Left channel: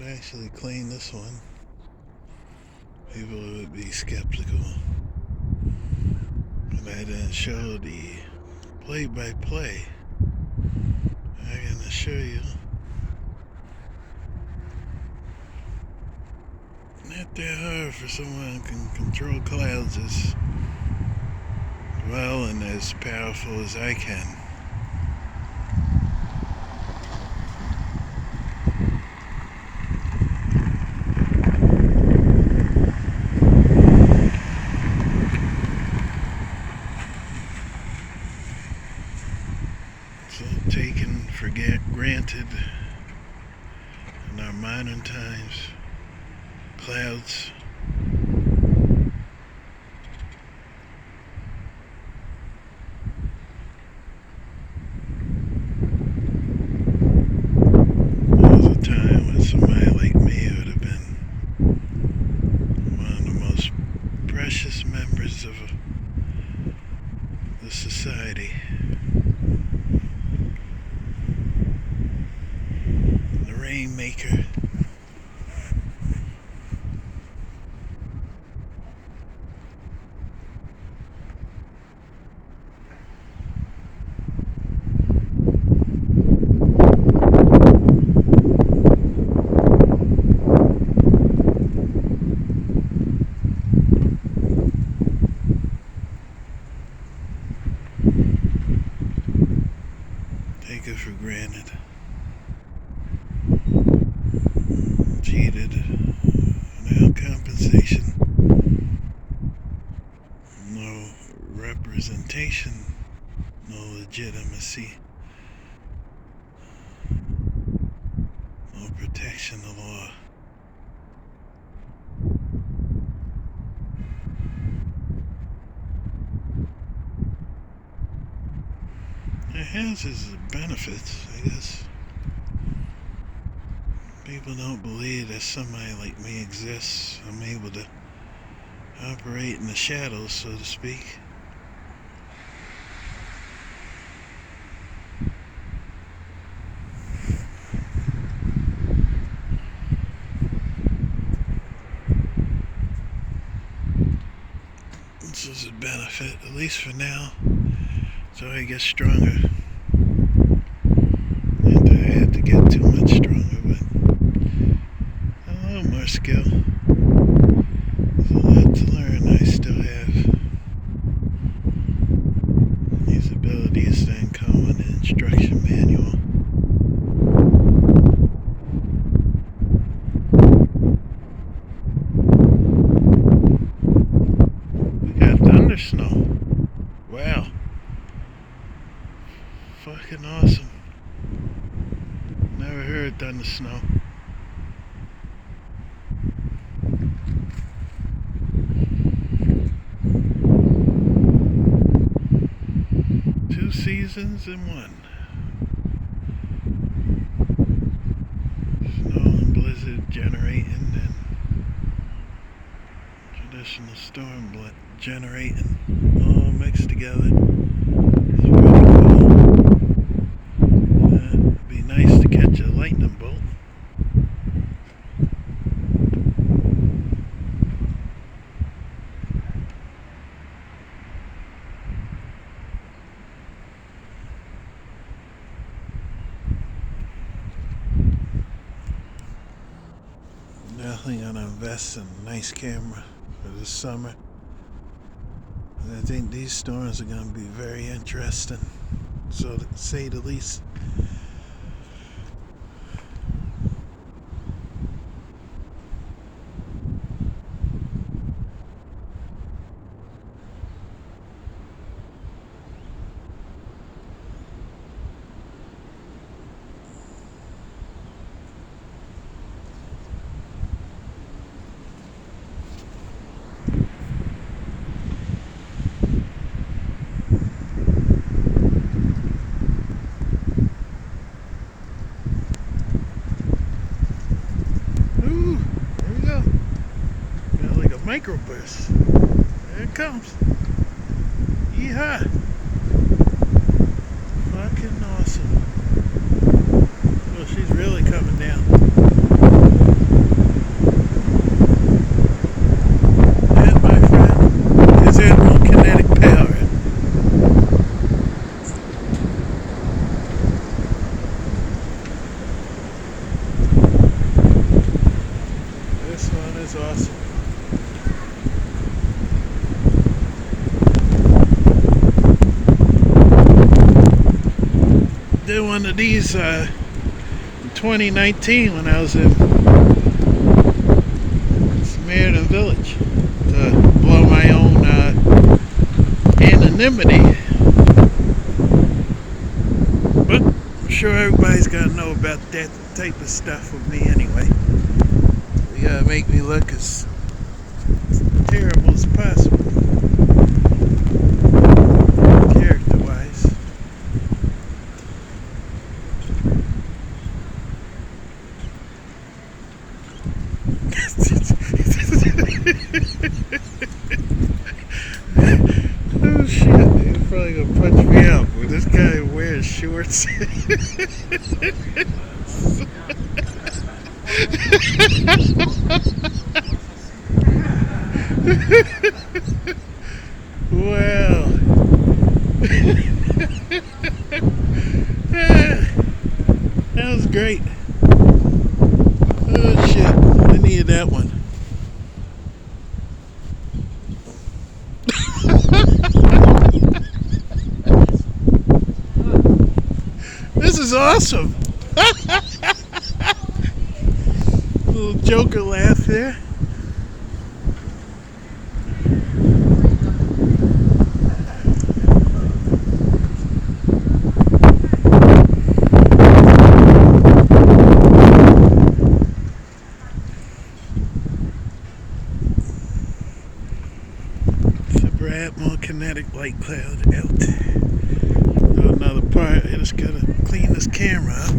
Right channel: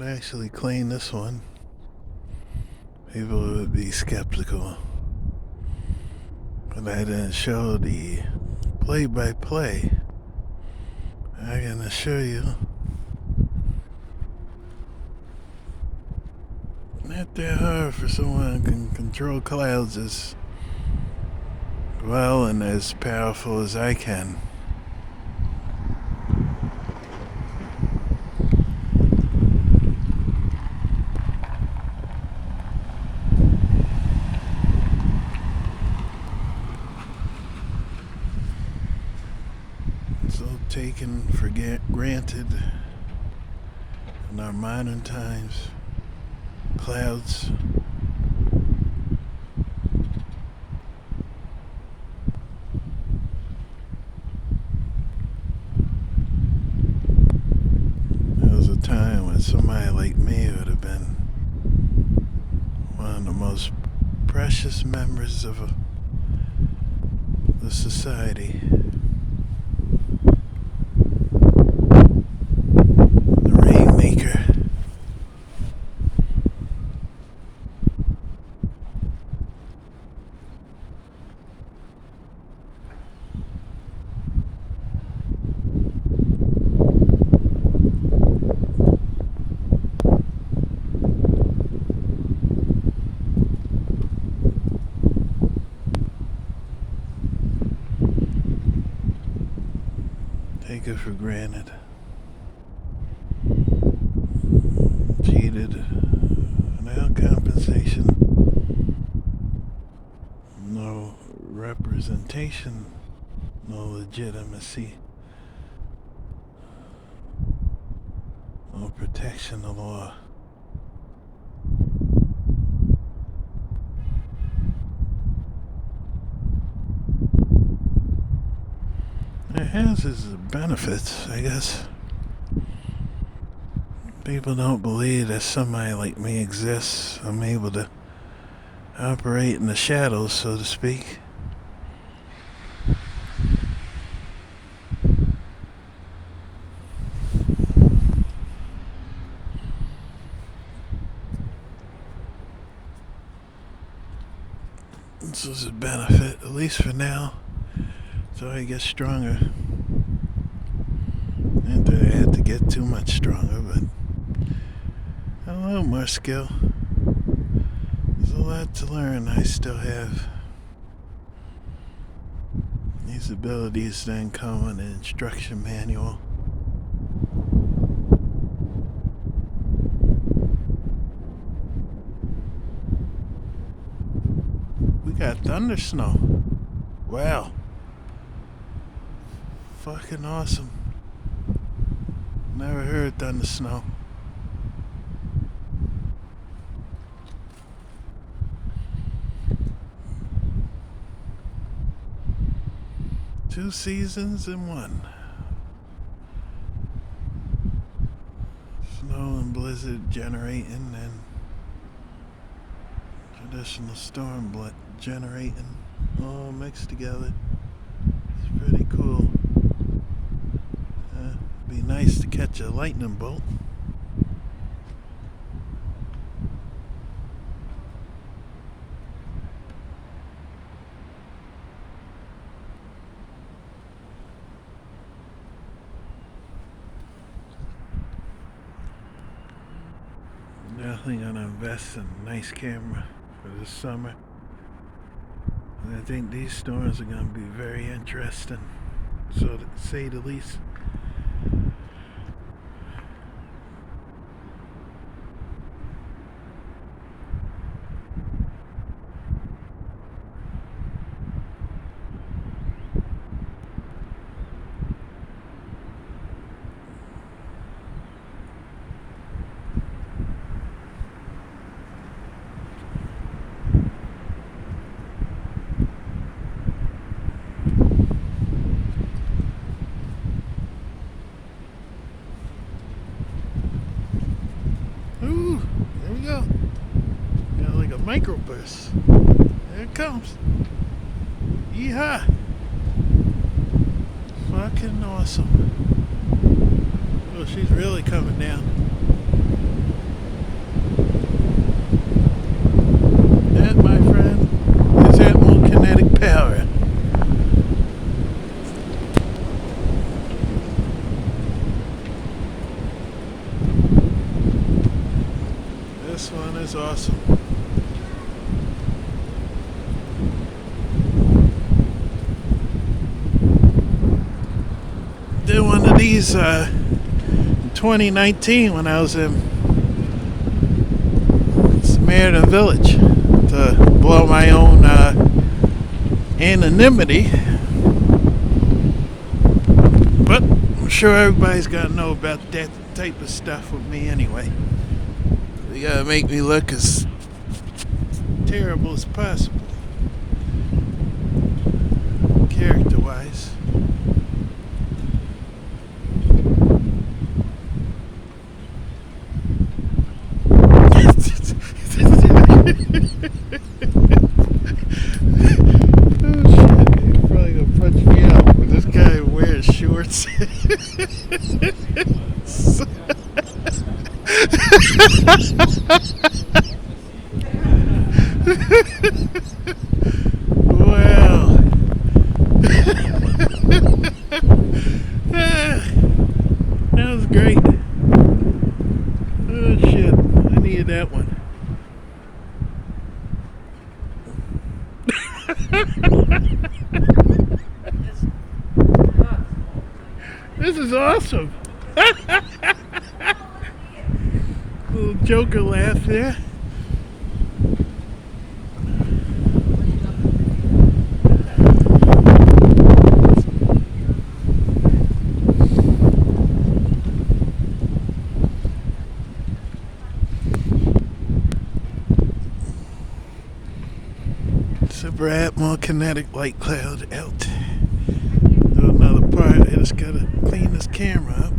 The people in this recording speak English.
would actually clean this one, people would be skeptical. But I didn't show the play-by-play. I can assure you, not that hard for someone who can control clouds as well and as powerful as I can. So taken for granted in our modern times, clouds there was a time when somebody like me would have been one of the most precious members of the society. The rainmaker. Take it for granted. Cheated. No compensation. No representation. No legitimacy. No protection of law. It has its benefits, I guess. People don't believe that somebody like me exists. I'm able to operate in the shadows, so to speak. This is a benefit, at least for now. So I get stronger. Not that I had to get too much stronger, but a little more skill. There's a lot to learn I still have. These abilities then come in an instruction manual. We got thunder snow. Wow. Fucking awesome. Never heard thunder snow. Two seasons in one. Snow and blizzard generating and traditional storm generating all mixed together. It's pretty cool. It'd be nice to catch a lightning bolt. Definitely gonna invest in a nice camera for this summer. I think these storms are gonna be very interesting, so to say the least. Ooh, there we go. Got like a microburst. There it comes. Yeehaw. Fucking awesome. Oh, she's really coming down. That's awesome. Did one of these in 2019 when I was in Samaritan Village to blow my own anonymity. But I'm sure everybody's got to know about that type of stuff with me anyway. They gotta make me look as terrible as possible, character-wise. Oh shit, he's probably gonna punch me out, but this guy wears shorts. Wow. That was great. Oh shit, I needed that one. This is awesome. Little Joker laugh there. Super more kinetic light cloud out. Do another part. I just gotta clean this camera up.